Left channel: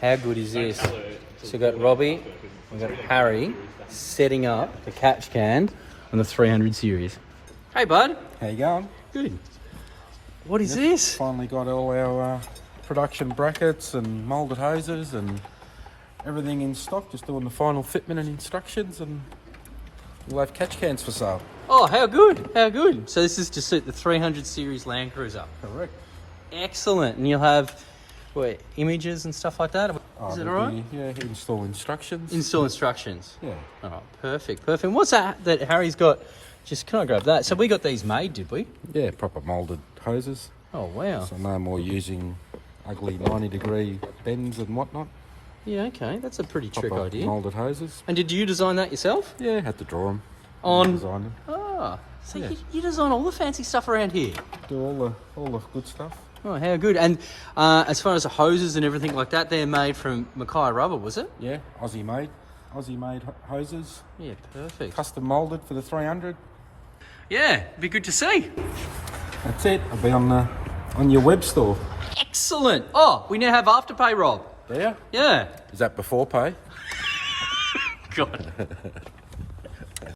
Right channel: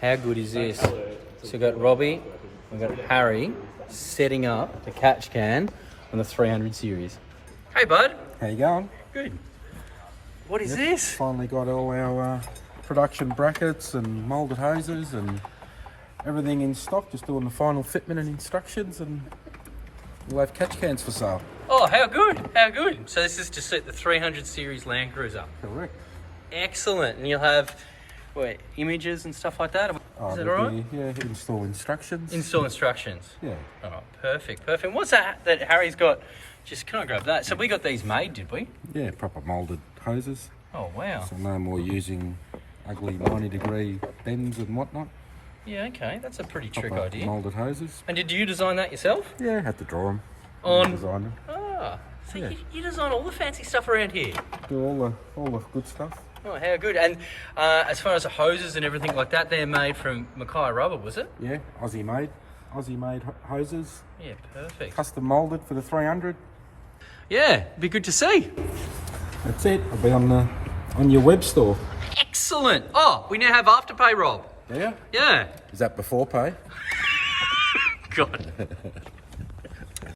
How good is this? So we've got Robbie, we've got Harry setting up the catch can on the 300 series. Hey, bud. How you going? Good. What is this? Finally got all our production brackets and moulded hoses and everything in stock. Just doing the final fitment and instructions, and we'll have catch cans for sale. Oh, how good, how good. So this is to suit the 300 series Land Cruiser. Correct. Excellent. And you'll have, what, images and stuff like that? Is that all right? Yeah, install instructions. Install instructions. Yeah. Oh, perfect, perfect. What's that Harry's got? Just, can I grab that? So we got these made, did we? Yeah, proper moulded hoses. Oh, wow. So no more using ugly 90-degree bends and whatnot. Yeah, okay. That's a pretty trick Proper idea. moulded hoses. And did you design that yourself? Yeah, had to draw them. Design them. Oh, so Yeah. you design all the fancy stuff around here. Do all the good stuff. Oh, how good. And as far as the hoses and everything like that, they're made from Mackay rubber, was it? Yeah, Aussie made hoses. Yeah, perfect. Custom moulded for the 300. Yeah, be good to see. That's it. I'll be on your web store. Excellent. Oh, we now have Afterpay, Rob. Yeah. Yeah. Is that before pay? God.